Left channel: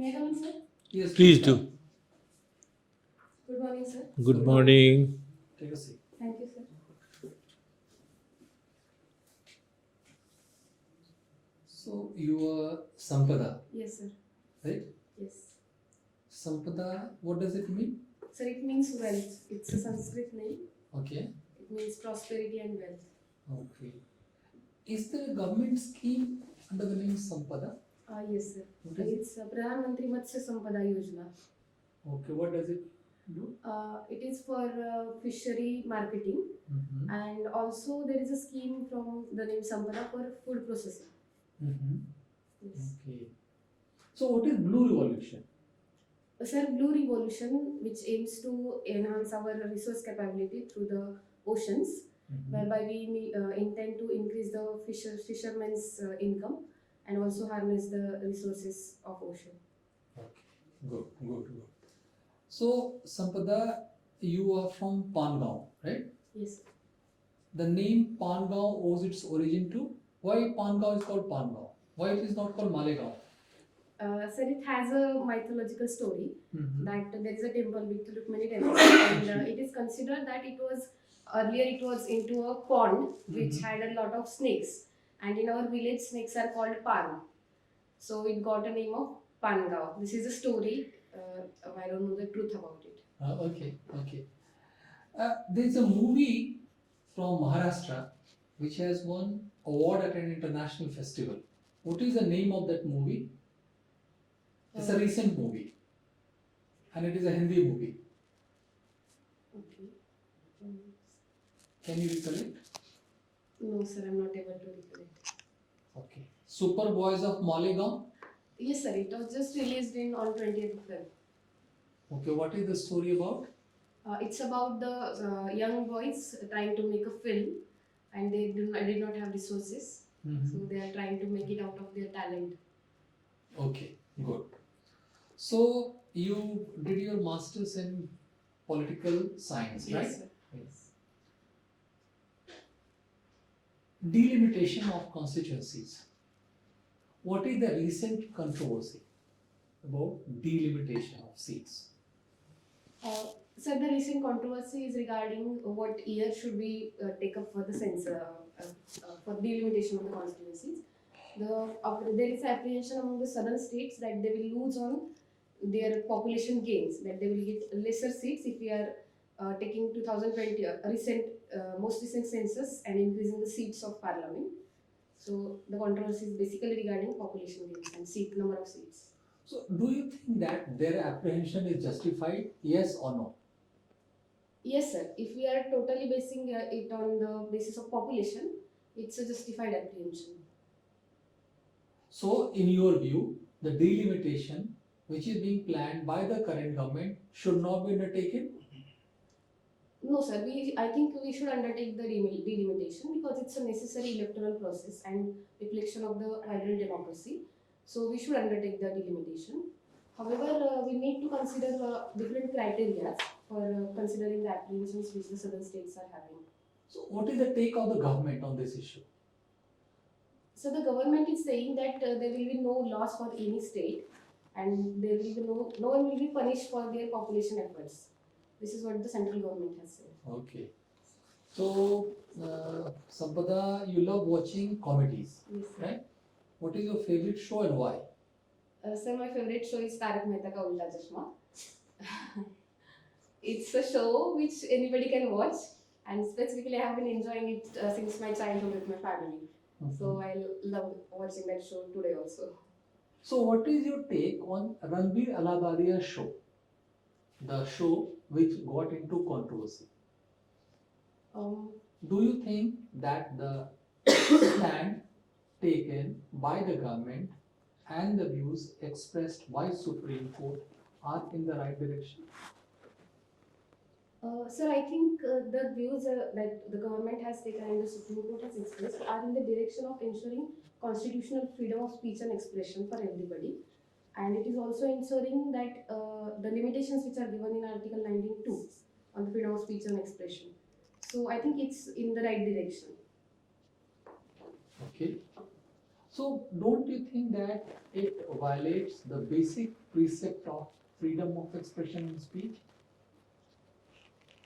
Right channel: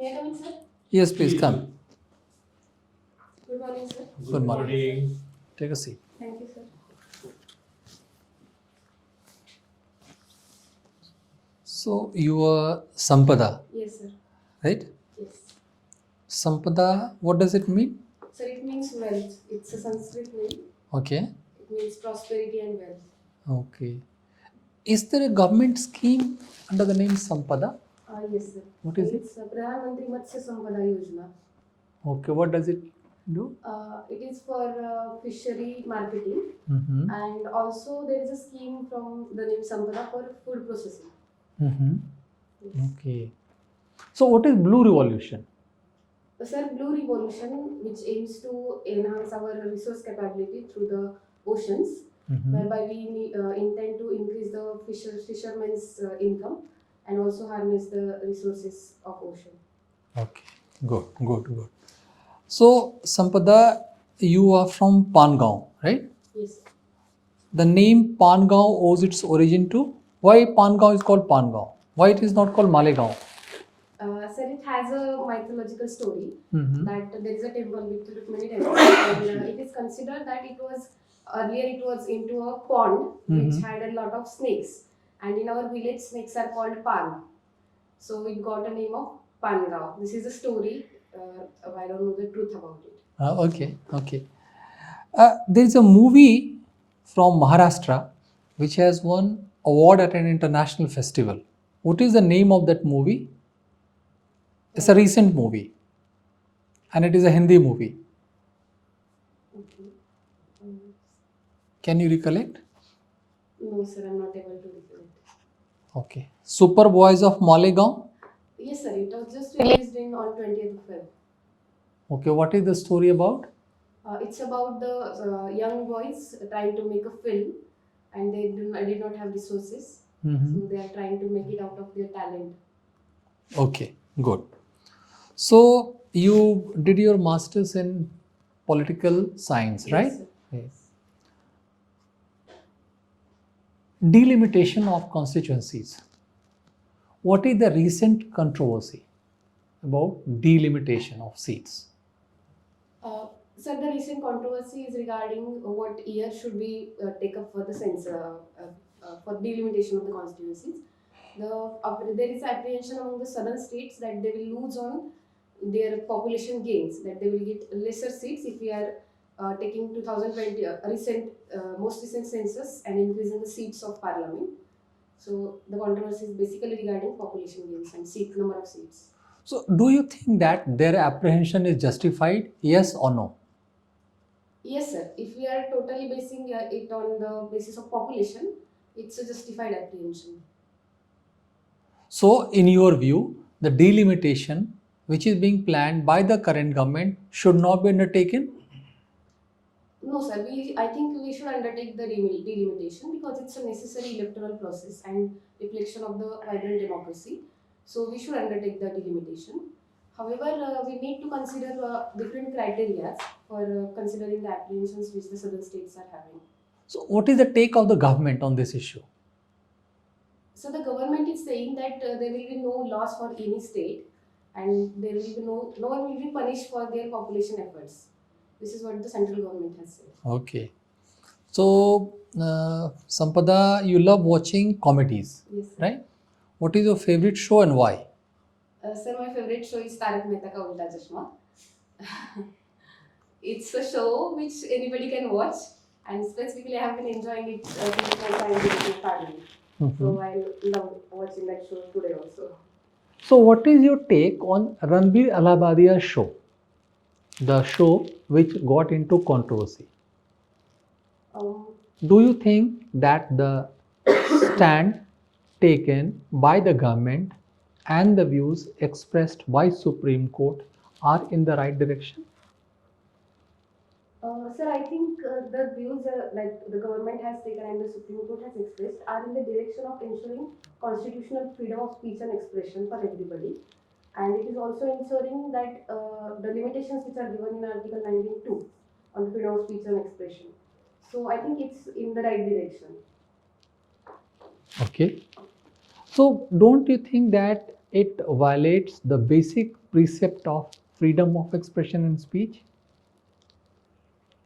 May I come in, sir? Yes, please Please come. do. Good morning, sir. Good morning. Take a seat. Thank you, sir. So you are Sampada, Yes, sir. right? Yes. Sampada, what does it mean? Sir, it means wealth. It's a Sanskrit name. Okay. It means prosperity and wealth. Okay. Is there a government scheme under the name Sampada? Yes, sir. What is it? It's Pradhan Mantri Matsya Sampada Yojana. Okay. What does it do? It is for fishery marketing, Mm-hmm. and also there is a scheme from the name Sampada for food processing. Mm-hmm. Yes. Okay. So what is Blue Revolution? Sir, Blue Revolution, which aims to enhance our resource capability through the oceans, Mm-hmm. whereby we intend to increase the fishermen's income and also harness the resources of ocean. Okay. Good. So Sampada, you are from Pangaon, right? Yes. The name Pangaon owes its origin to why Pangaon is called Pangaon? Why it is not called Malegaon? Sir, it has a mythological story Mm-hmm. that there is a temple with Rukmini temple, and it is considered that it was into a pond which Mhm. had a lot of snakes, and in our village snakes are called pan. So it got a name of Pangao. This is a story. I don't know the truth about it. Okay. There is a movie from Maharashtra which has won award at an international festival. What is the name of that movie? It's a recent movie, and it is a Hindi movie. Okay. Um, Can you recollect? no, sir, I'm not able to recollect. Okay. Super Boys of Malegaon. Yes, sir. It was just released on 20th of Feb. Okay. What is the story about? It's about the young boys trying to make a film, and did not have resources, Mhm. so they are trying to make it out of their talent. Okay. Good. So you did your masters in political science, right? Yes, sir. Yes. Delimitation of constituencies. What is the recent controversy about delimitation of seats? Sir, the recent controversy is regarding what year should we take up for the for delimitation of the constituencies. There is apprehension among the southern states that they will lose on their population gains, that they will get lesser seats if we are taking 2020 most recent census and increasing the seats of parliament. So the controversy is basically regarding population gains and number of seats. So, do you think that their apprehension is justified? Yes or no? Yes, sir. If we are totally basing it on the basis of population, it's a justified apprehension. So, in your view, the delimitation which is being planned by the current government should not be undertaken? No, sir. I think we should undertake the delimitation because it's a necessary electoral process and reflection of the vibrant democracy. So we should undertake the delimitation. However, we need to consider different criteria for considering the apprehensions which the southern states are having. So, what is the take of the government on this issue? So the government is saying that there will be no loss for any state, and there will be no one will be punished for their population efforts. This is what the central government has said. Okay. So, Sampada, you love watching comedies, Yes, sir. right? What is your favorite show and why? Sir, my favorite show is Tarak Mehta Ka Ulta Chashma. It's a show which anybody can watch, and specifically I have been enjoying it since my time with my family. So I love watching that show today also. So, what is your take on Ranbir Allahabadia's show? The show which got into controversy. Um, Do you think that the stand taken by the government and the views expressed by Supreme Court are in the right direction? Sir, I think the views that the government has taken and the Supreme Court has expressed are in the direction of ensuring constitutional freedom of speech and expression for everybody. And it is also ensuring that the limitations which are given in Article 19.2 on the freedom of speech and expression. So I think it's in the right direction. Okay. So, don't you think that it violates the basic precept of freedom of expression and speech?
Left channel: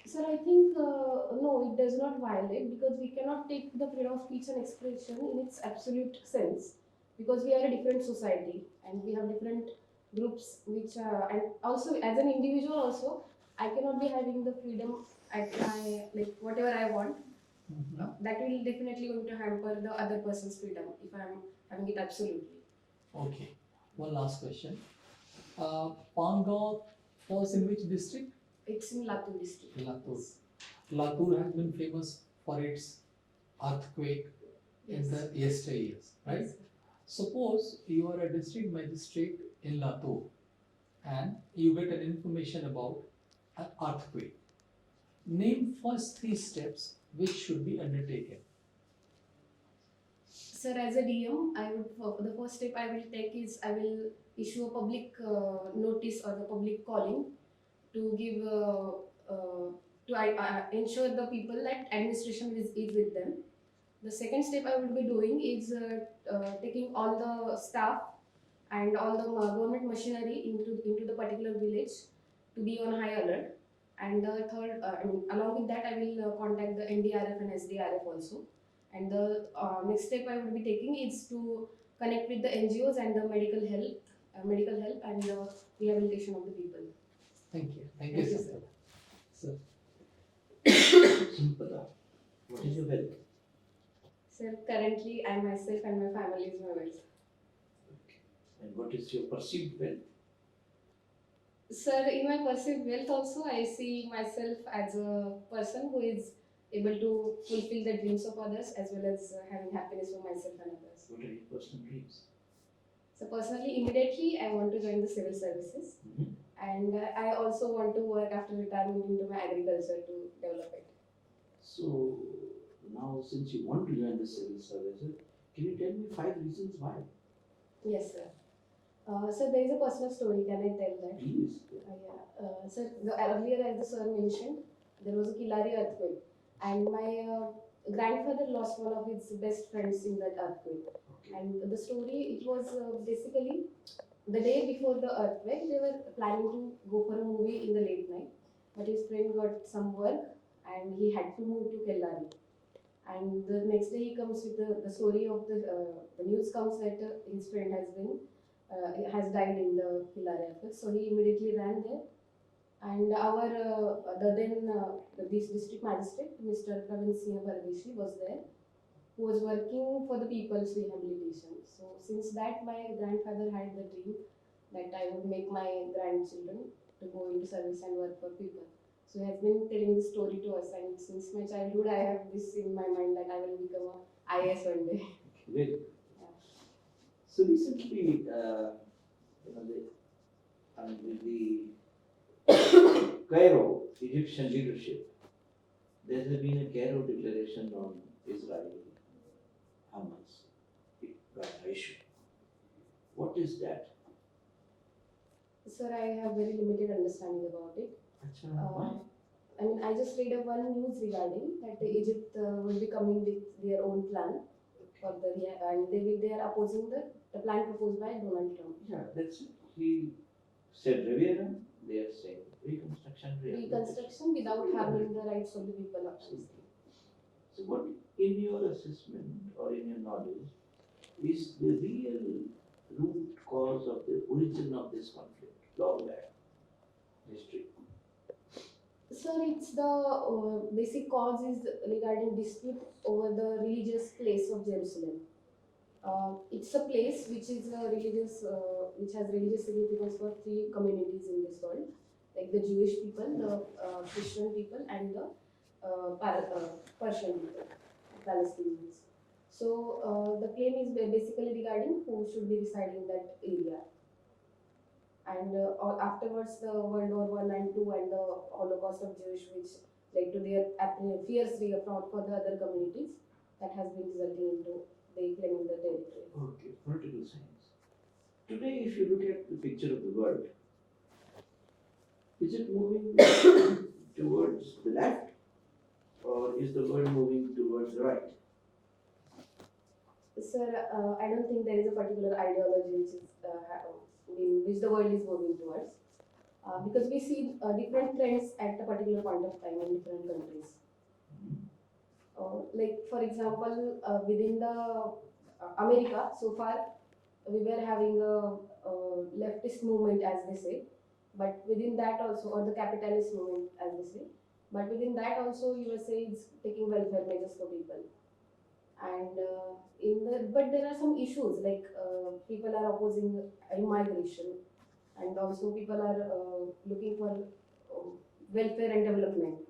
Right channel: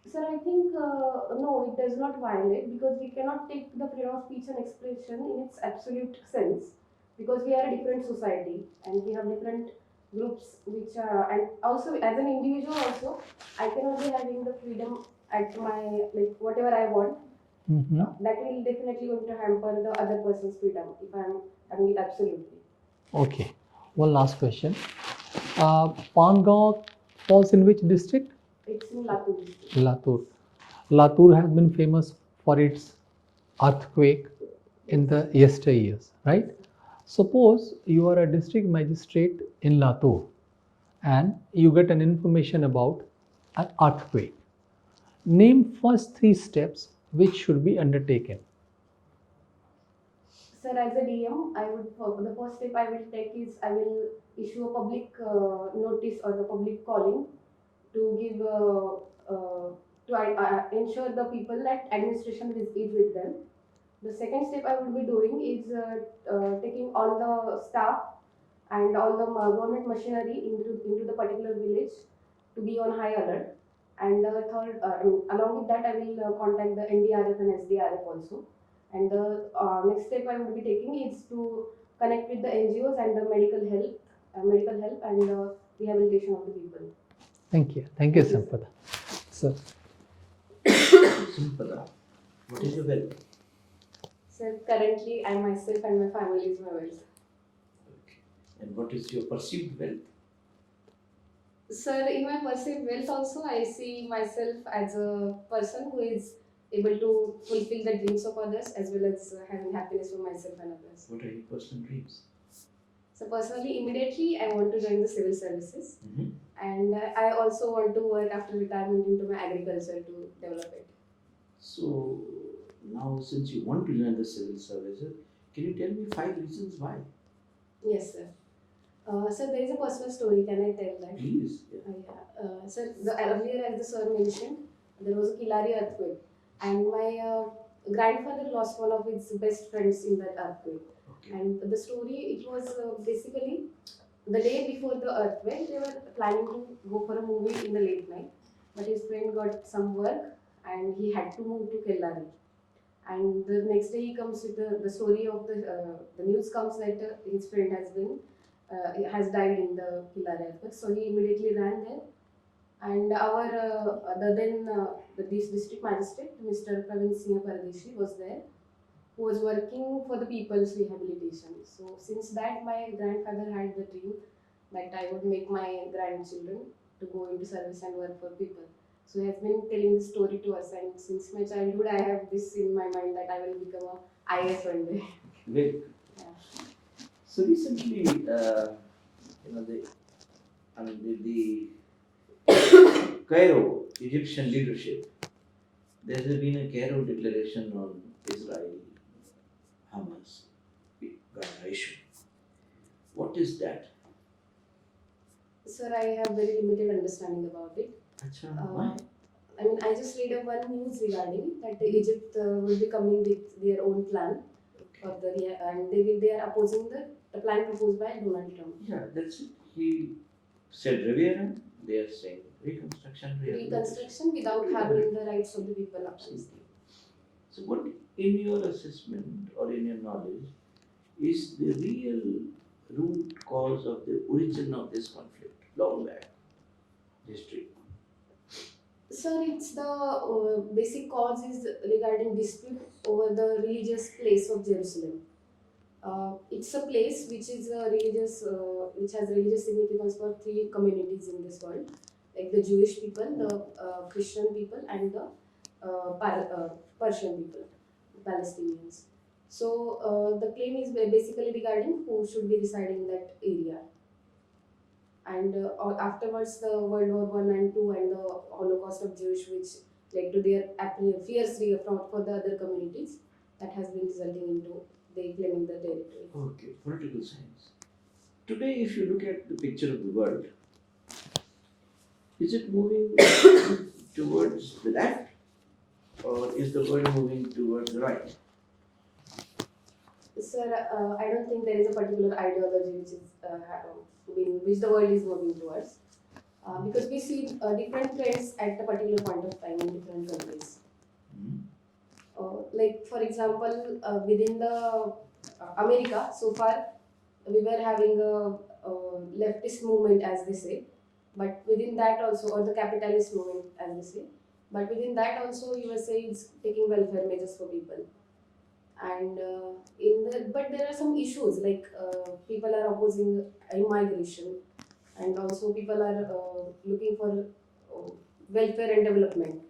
Sir, I think no, it does not violate because we cannot take the freedom of speech and expression in its absolute sense because we are a different society and we have different groups which and also as an individual also I cannot be having the freedom at my like whatever I want. Mhm. That will definitely going to hamper the other person's freedom if I'm having it absolutely. Okay. One last question. Pangaon falls in which district? It's in Latur district. Latur. Latur has been famous for its earthquake in the yesteryears, right? Suppose you are a district magistrate in Latur and you get an information about an earthquake. Name first three steps which should be undertaken. Sir, as a DM, I would the first step I will take is I will issue a public notice or the public calling to give to ensure the people that administration is with them. The second step I would be doing is taking all the staff and all the government machinery into the particular village to be on high alert. And the third, along with that, I will contact the NDRF and SDRF also. And the next step I would be taking is to connect with the NGOs and the medical help and the rehabilitation of the people. Thank you. Thank you, Thank you, sir. Sampada. Sir. Sampada, what is your wealth? Sir, currently I myself and my family is my wealth. And what is your perceived wealth? Sir, in my perceived wealth also, I see myself as a person who is able to fulfill the dreams of others as well as having happiness for myself and others. What are your personal dreams? So personally, immediately I want to join the civil services and I also want to work after retirement into my agriculture to develop it. So now, since you want to join the civil services, can you tell me 5 reasons why? Yes, sir. Sir, there is a personal story. Can I tell that? Please. Sir, earlier as the sir mentioned, there was a Kilari earthquake, and my grandfather lost one of his best friends in that earthquake. Okay. And the story, it was basically the day before the earthquake, they were planning to go for a movie in the late night, but his friend got some work and he had to move to Kellari. And the next day he comes with the story of the news comes that his friend has died in the Kellari earthquake. So he immediately ran there and our the district magistrate, Mr. Praveen Singh Pardeshi, was there, who was working for the people's rehabilitation. So since that, my grandfather had the dream that I would make my grandchildren to go into service and work for people. So he has been telling this story to us, and since my childhood, I have this in my mind that I will become a IAS one day. Very good. Yeah. So recently, the Cairo Egyptian leadership, there has been a Cairo declaration on Israel-Hamas Gaza issue. What is that? Sir, I have very limited understanding about it. Why? I mean, I just read one news regarding that Egypt will be coming with their own plan for and they are opposing the plan proposed by Donald Trump. Yeah, that's it. He said referendum. They are saying reconstruction. Reconstruction without harming the rights of the people of Palestine. So, what in your assessment or in your knowledge is the real root cause of the origin of this conflict, long back history? Sir, it's the basic cause is regarding dispute over the religious place of Jerusalem. It's a place which is which has religious significance for 3 communities in this world, like the Jewish people, the Christian people, and the Persian people, Palestinians. So the claim is basically regarding who should be residing in that area. And afterwards, the World War I and II and the Holocaust of Jewish, which led to their fierce reaffront for the other communities, that has been resulting into they claiming the territory. Okay, political science. Today, if you look at the picture of the world, is it moving towards the left or is the world moving towards the right? Sir, I don't think there is a particular ideology which is which the world is moving towards. Because we see different trends at a particular point of time in different countries. Mhm. Like for example, within the America, so far we were having a leftist movement, as they say, but within that also, or the capitalist movement, as they say, but within that also, USA is taking welfare measures for people. And but there are some issues like people are opposing immigration, and also people are looking for welfare and development.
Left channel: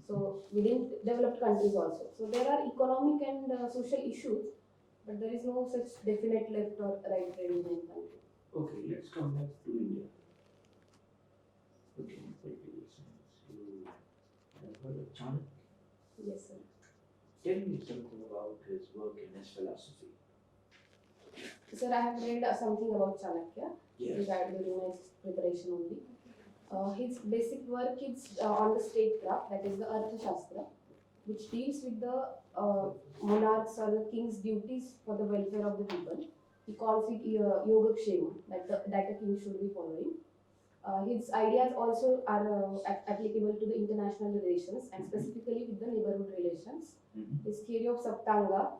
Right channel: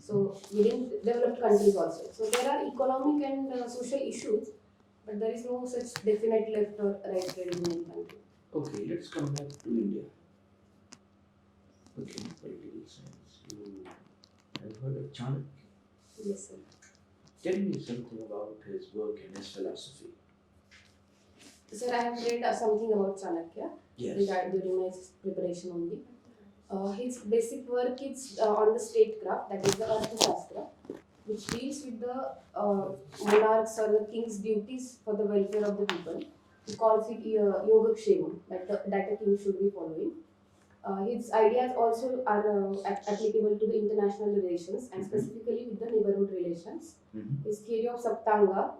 So within developed countries also, so there are economic and social issues, but there is no such definite left or right trend in any country. Okay, let's come back to India. Okay, political science. You have heard of Chanakya. Yes, sir. Tell me something about his work and his philosophy. Sir, I have read something about Chanakya Yes. regarding during my preparation only. His basic work is on the statecraft, that is the Arthashastra, which deals with the monarchs or the king's duties for the welfare of the people. He calls it Yogakshema, that a king should be following. His ideas also are applicable to the international relations and specifically with the neighborhood relations. Mhm. His theory of Saptanga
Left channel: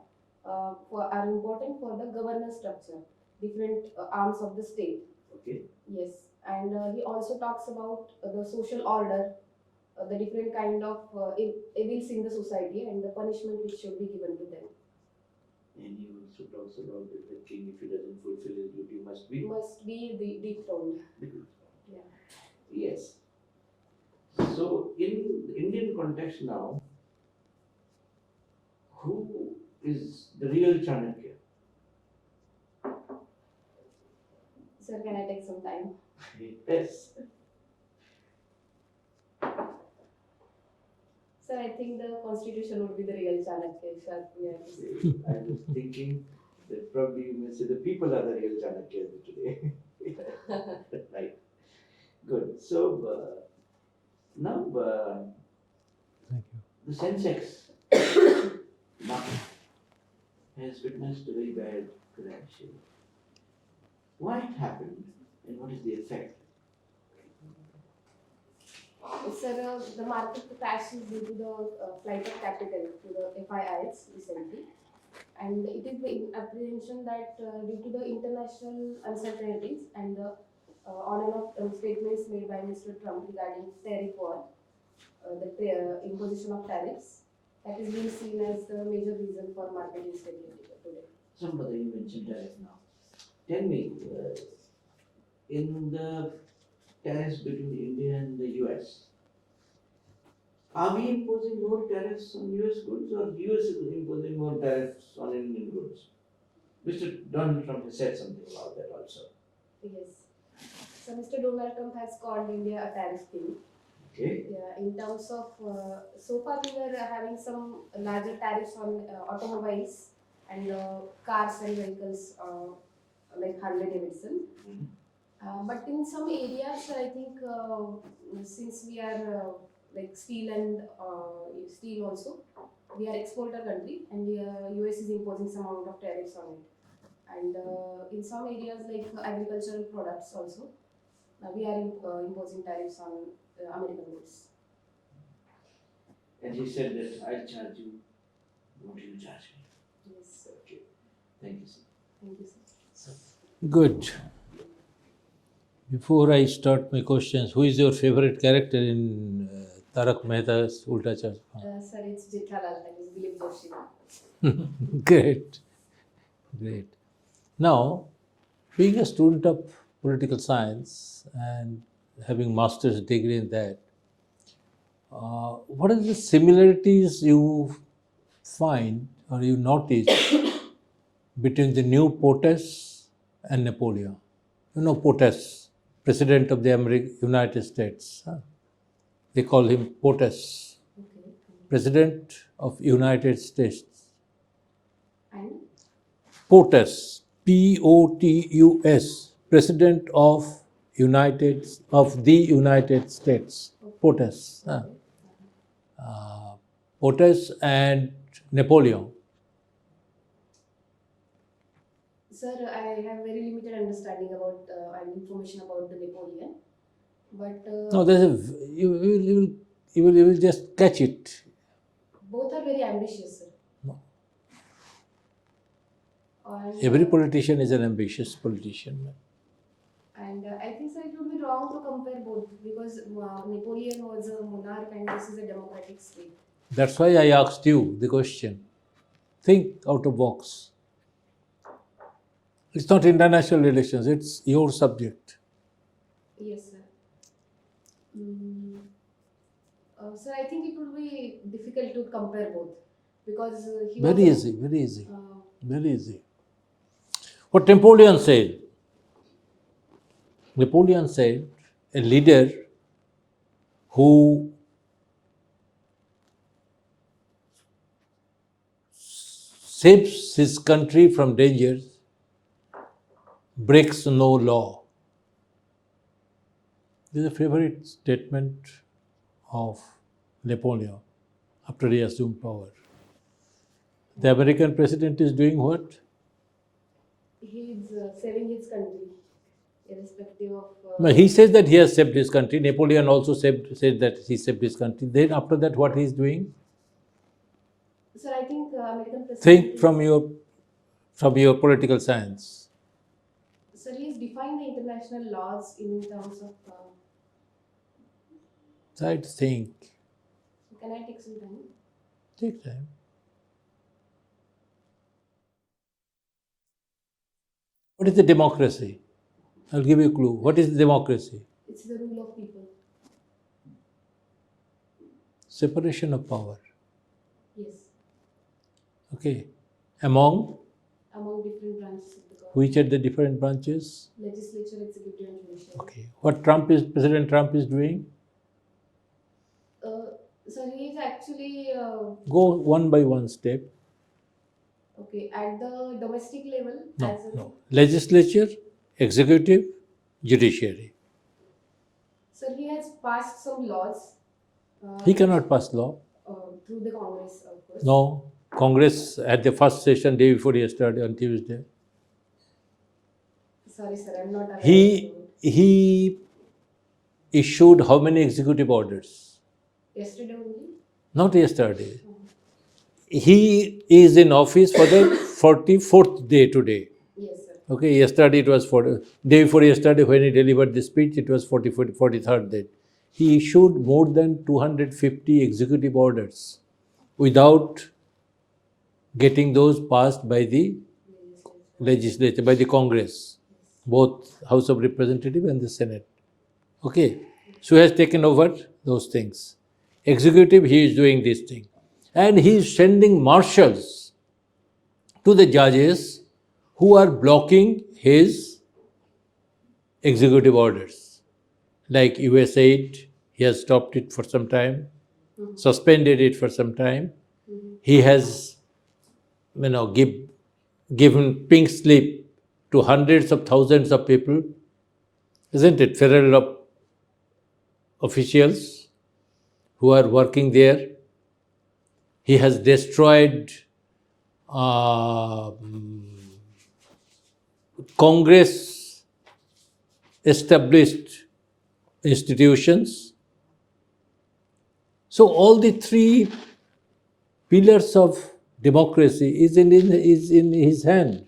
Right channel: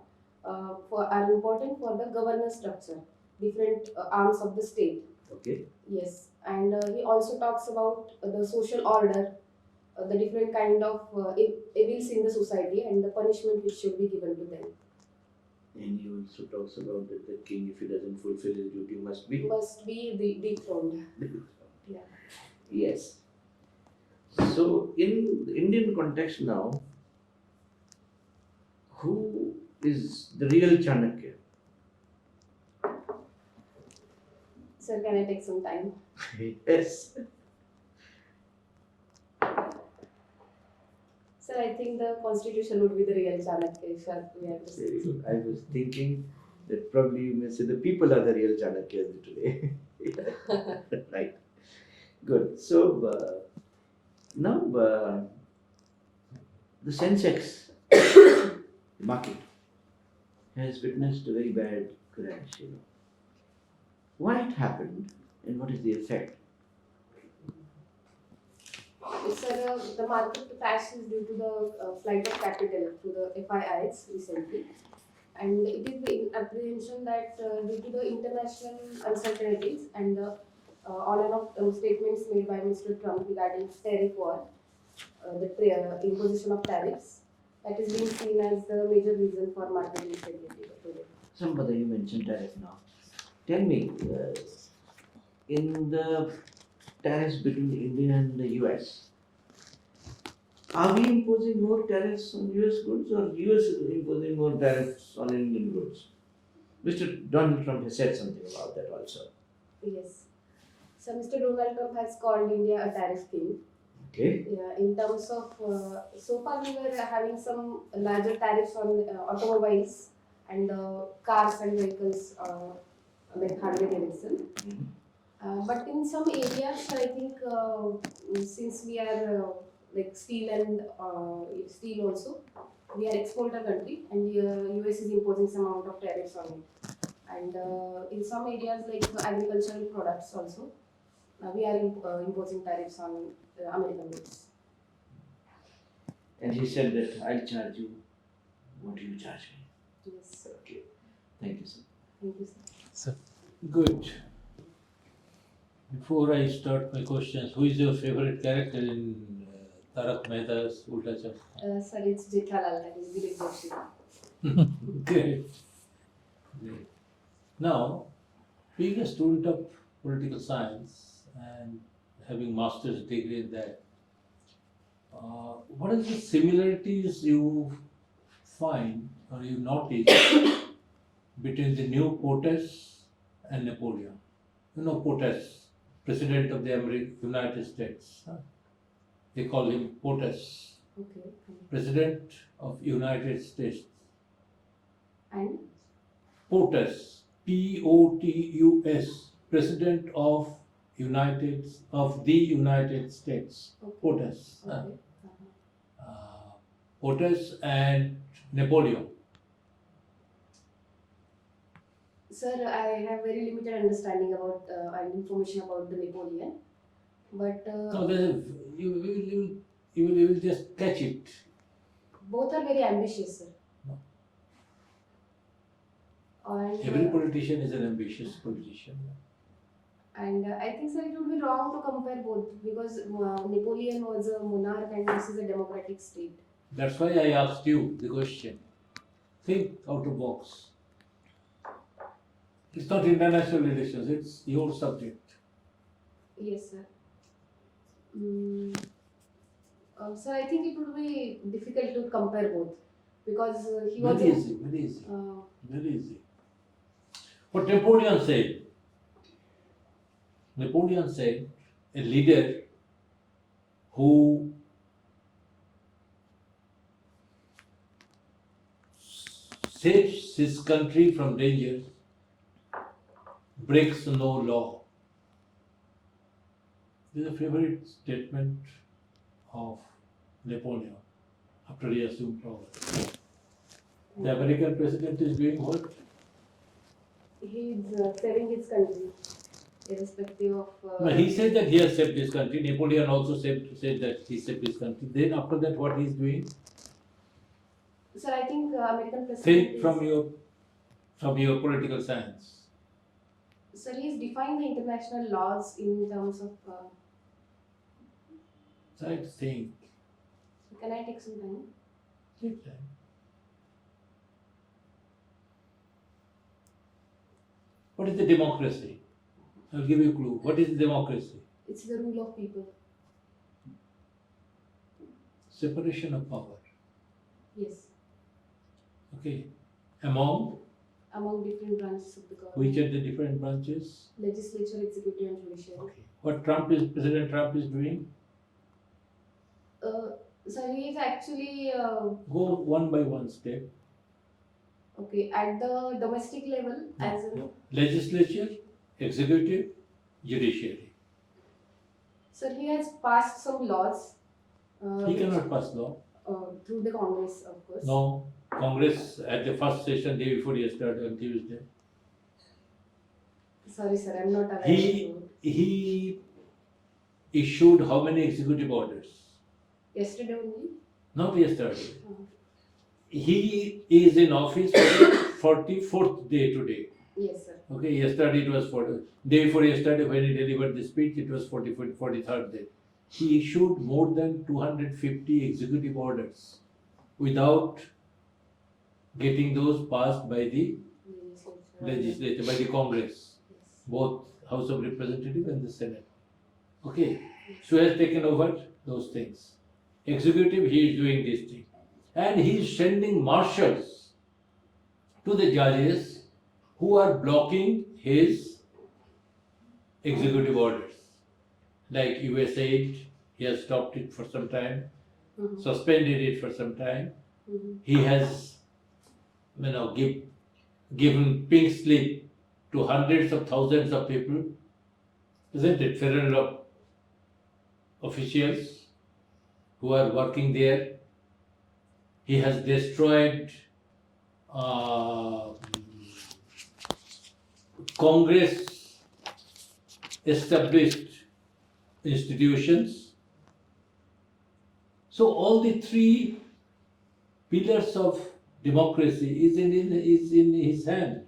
are important for the governance structure, different arms of the state. Okay. Yes, and he also talks about the social order, the different kind of evils in the society and the punishment which should be given to them. And he also talks about that the king, if he doesn't fulfill his duty, must be Must be dethroned. Yeah. Yes. So, in the Indian context now, who is the real Chanakya? Sir, can I take some time? Yes. Sir, I think the constitution would be the real Chanakya, if we have to say. I was thinking that probably you may say the people are the real Chanakyas today. Right. Good. So, now the Sensex market has witnessed a very bad crash. Why it happened and what is the effect? Sir, the market crash is due to the flight of capital to the FIIs recently. And it is the apprehension that due to the international uncertainties and the on and off statements made by Mr. Trump regarding tariff war, the imposition of tariffs, that is being seen as the major reason for market instability today. Somebody you mentioned tariff now. Tell me, in the tariffs between India and the US, are we imposing more tariffs on US goods or US is imposing more tariffs on Indian goods? Mr. Donald Trump has said something about that also. Yes. So Mr. Donald Trump has called India a tariff king. Okay. Yeah, in terms of so far we were having some larger tariffs on automobiles and cars and vehicles like Harley Davidson. But in some areas, I think since we are like steel and steel also, we are exporter country, and US is imposing some amount of tariffs on it. And in some areas like agricultural products also, we are imposing tariffs on American goods. And he said that I'll charge you what you charge me. Yes. Okay. Thank you, sir. Thank you, sir. Good. Before I start my questions, who is your favorite character in Tarak Mehta's Ulta Chashma? Sir, it's Jethalal, that is Dilip Joshi. Great. Great. Now, being a student of political science and having master's degree in that, what are the similarities you find or you notice between the new POTUS and Napoleon? You know POTUS, President of the United States. Huh? They call him POTUS, Okay. President of United States. And POTUS, POTUS, President of the United States. POTUS. Huh? okay. POTUS and Napoleon. Sir, I have very limited understanding about and information about the Napoleon, but No, there's a you will just catch it. both are very ambitious, sir. No. And, Every politician is an ambitious politician. and I think, sir, it would be wrong to compare both because Napoleon was a monarch and this is a democratic state. That's why I asked you the question. Think out of box. It's not international relations, it's your subject. Yes, sir. Mm, sir, I think it would be difficult to compare both because he was Very a- easy, very easy, uh, very easy. What Napoleon said, a leader who saves his country from danger breaks no law. This is a favorite statement of Napoleon after he assumed power. The American president is doing what? he is saving his country, irrespective of. No, he says that he has saved his country. Napoleon also said that he saved his country. Then after that, what he is doing? Sir, I think American president. Think is- from your political science. Sir, he is defying the international laws in terms of. Try to think. Can I take some time? Take time. What is the democracy? I'll give you a clue. What is the democracy? It's the rule of people. Separation of power. Yes, Okay. Among among different branches of the government. which are the different branches? Legislature, executive, and judiciary. Okay. What President Trump is doing? So he is actually Go one by one step. okay at the domestic level as in. No. Legislature, executive, judiciary. Sir, he has passed some laws. He cannot pass law. Through the Congress, of course. No. Congress had the first session day before yesterday on Tuesday. Sorry, sir, I'm not aware. He he issued how many executive orders? Yesterday only. Not yesterday. Uh, He is in office for the 44th day today. yes, sir. Okay, yesterday it was day before yesterday when he delivered the speech, it was 43rd day. He issued more than 250 executive orders without getting those passed by the legislature, by the Congress, both House of Representatives and the Senate. Okay, so he has taken over those things. Executive, he is doing this thing. And he is sending marshals to the judges who are blocking his executive orders. Like USAID, he has stopped it for some time, Mhm. suspended it for some time. Mhm. He has, given pink slip to hundreds of thousands of people, isn't it? Federal officials who are working there. He has destroyed Congress established institutions. So all the three pillars of democracy is in his hand.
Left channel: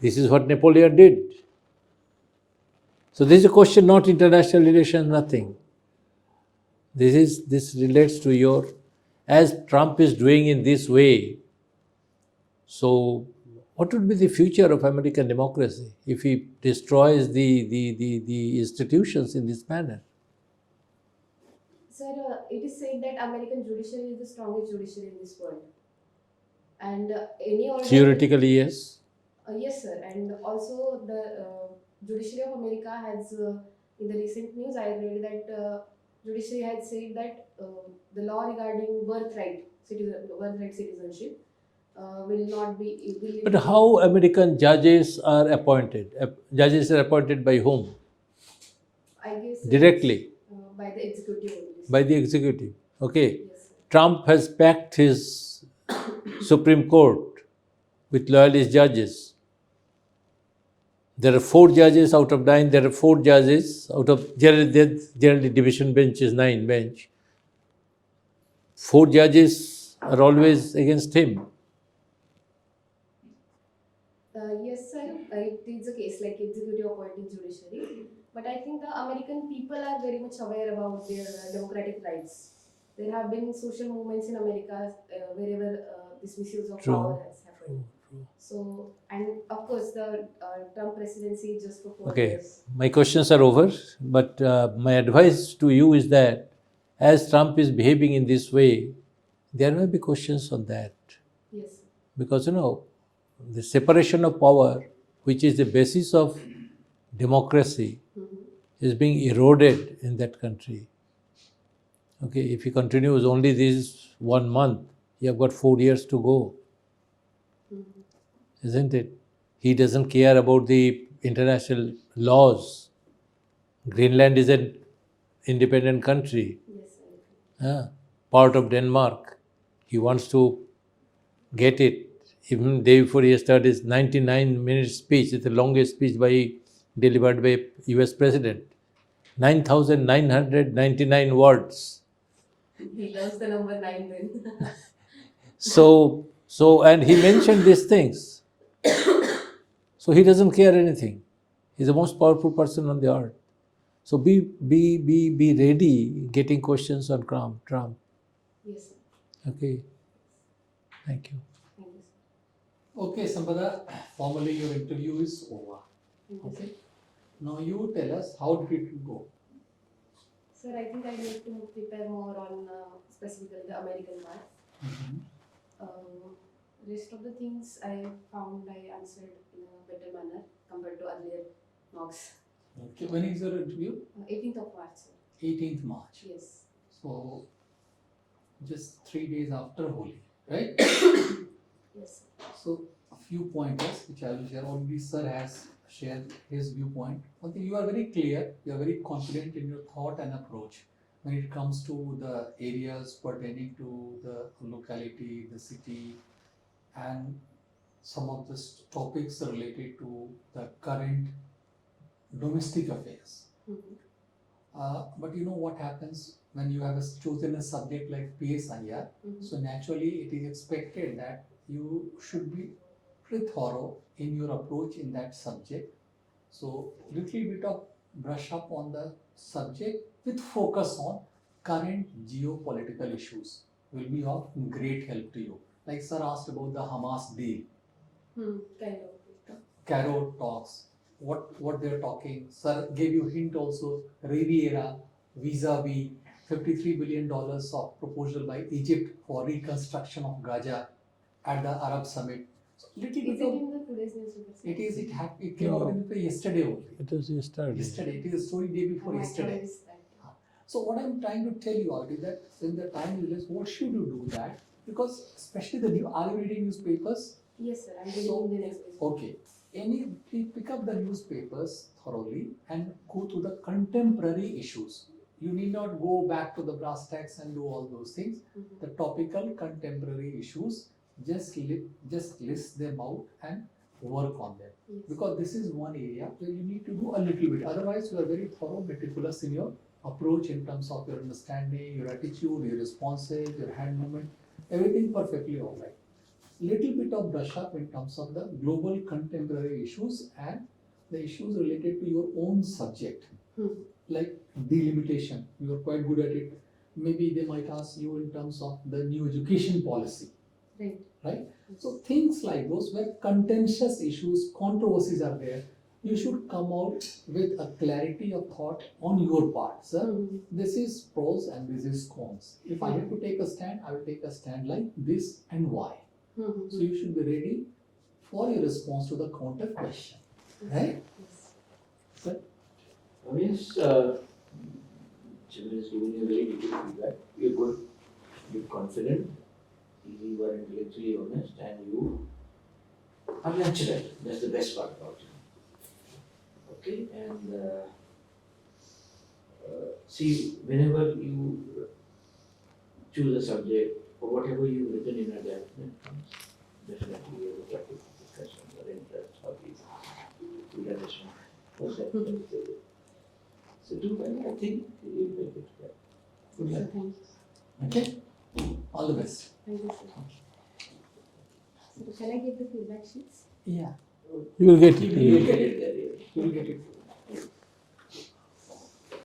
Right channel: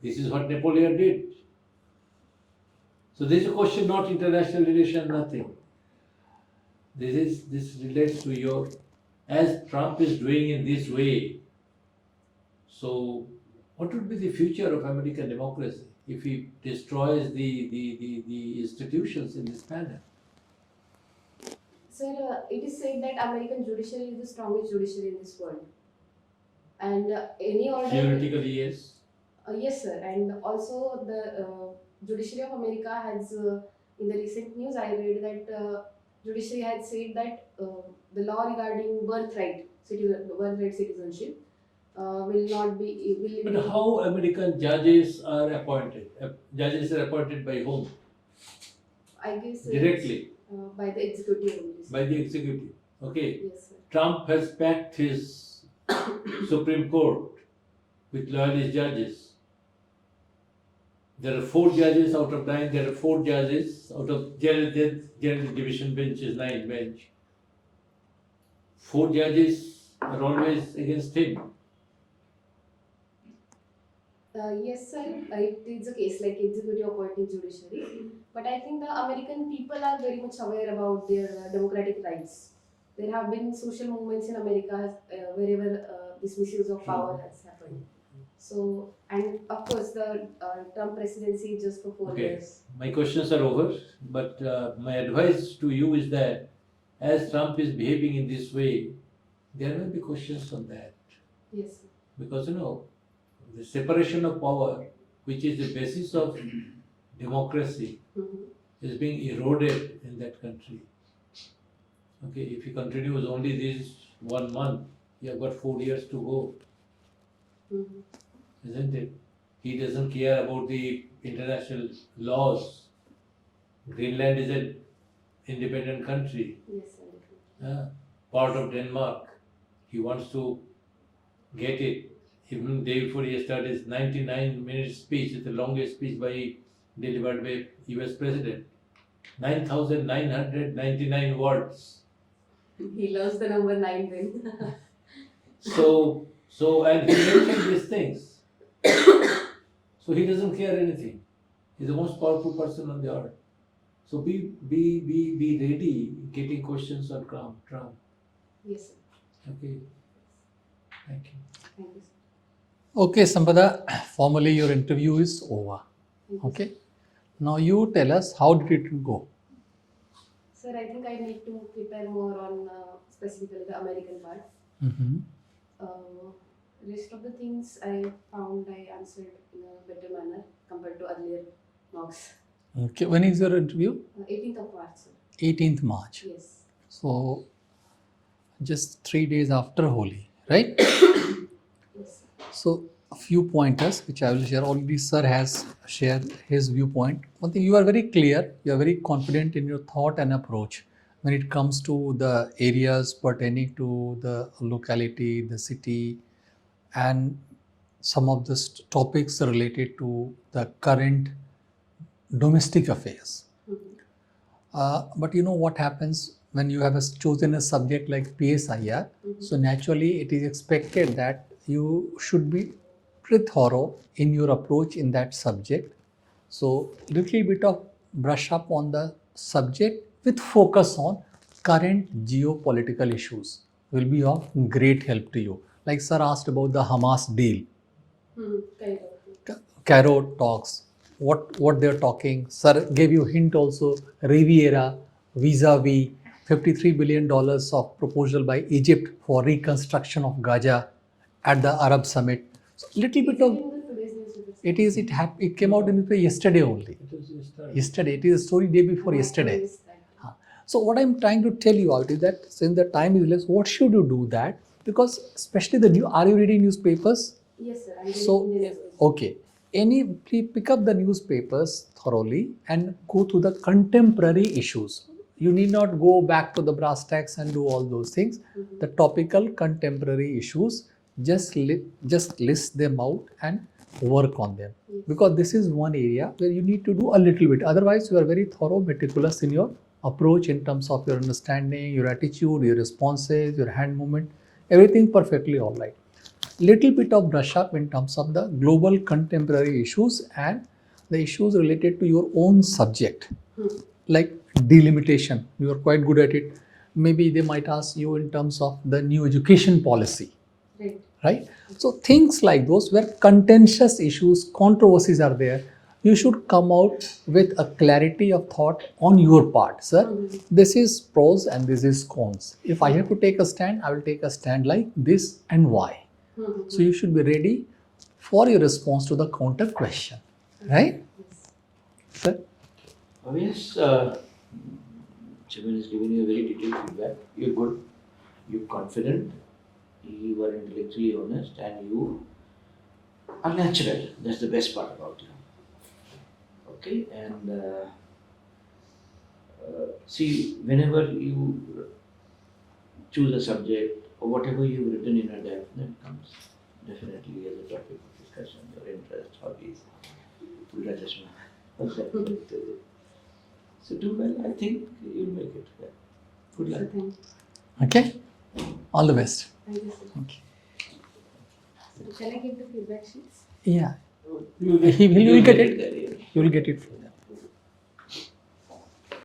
This is what Napoleon did. So this is a question not international relations, nothing. This relates to your, as Trump is doing in this way. So what would be the future of American democracy if he destroys the institutions in this manner? Sir, it is said that American judiciary is the strongest judiciary in this world. And any order. Theoretically, yes. Yes, sir. And also the judiciary of America has, in the recent news, I read that judiciary had said that the law regarding birthright citizenship will not be. But how American judges are appointed? Judges are appointed by whom? I guess Directly, by the executive only. by the executive. Okay. Yes, sir. Trump has packed his Supreme Court with loyalist judges. There are 4 judges out of 9. There are 4 judges out of generally division bench is 9 bench. 4 judges are always against him. Yes, sir. It is a case like executive appointing judiciary, but I think the American people are very much aware about their democratic rights. There have been social movements in America wherever this misuse of True. power has happened. So, and of course, the Trump presidency is just for 4 Okay, years. my questions are over, but my advice to you is that as Trump is behaving in this way, there may be questions on that. Yes, sir. Because the separation of power, which is the basis of democracy, Mhm. is being eroded in that country. Okay, if he continues only this 1 month, you have got 4 years to go, Mhm. isn't it? He doesn't care about the international laws. Greenland is an independent country, Yes, sir. part of Denmark. He wants to get it. Even day before he started his 99-minute speech, it's the longest speech delivered by US President. 9,999 words. He loves the number 9 then. So and he mentioned these things. So he doesn't care anything. He's the most powerful person on the earth. So be ready getting questions on Trump. Yes, sir. Okay. Thank you. Thank you, sir. Okay, Sampada, formally your interview is over. Thank you, Okay. Now you tell us how did it go? sir. I think I need to prepare more on specifically the American part. Rest of the things I found I answered in a better manner compared to earlier mocks. Okay, when is your interview? 18th of March, sir. 18th March. Yes. So just 3 days after Holi, right? Yes, sir. So a few pointers which I will share. Already sir has shared his viewpoint. One thing, you are very clear, you are very confident in your thought and approach when it comes to the areas pertaining to the locality, the city, and some of the topics related to the current domestic affairs. Mhm. But you know what happens when you have chosen a subject like PSIR? Mhm. So naturally, it is expected that you should be pretty thorough in your approach in that subject. So little bit of brush up on the subject with focus on current geopolitical issues will be of great help to you. Like sir asked about the Hamas deal. Kind of. Cairo talks, what they're talking. Sir gave you hint also, Riviera, vis-a-vis $53 billion of proposal by Egypt for reconstruction of Gaza at the Arab Summit. So little Is bit it of, in the today's newspaper? it came out in the yesterday only. It was yesterday. Yesterday, it is a story day before yesterday. So what I'm trying to tell you out is that since the time is less, what should you do that? Because especially are you reading newspapers? Yes, sir. I'm reading So, Indian newspaper. okay. Please pick up the newspapers thoroughly and go to the contemporary issues. You need not go back to the brass tacks and do all those things. Mhm. The topical contemporary issues, just list them out and work on them. Yes. Because this is one area where you need to do a little bit. Otherwise, you are very thorough, meticulous in your approach in terms of your understanding, your attitude, your responses, your hand movement, everything perfectly all right. Little bit of brush up in terms of the global contemporary issues and the issues related to your own subject, like delimitation. You are quite good at it. Maybe they might ask you in terms of the new education policy, Right. right? So things like those where contentious issues, controversies are there, you should come out with a clarity of thought on your part. Sir, Mhm. this is pros and this is cons. If I have to take a stand, I will take a stand like this and why. Mhm. So you should be ready for your response to the counter question, right? Yes. Sir? Yes, Chairman has given you a very detailed feedback. You're good, you're confident, you are intellectually honest, and you are natural. That's the best part about you. Okay, and see, whenever you choose a subject or whatever you've written in a depth, that comes. definitely as a topic of discussion, your interests, hobbies, will attach perfect. So do well, I think you'll make it. Yeah. Good So luck. thank Okay, all the best. you, sir. So can I get the feedback sheets? Yeah, You will get you will get it. Career. You will get it.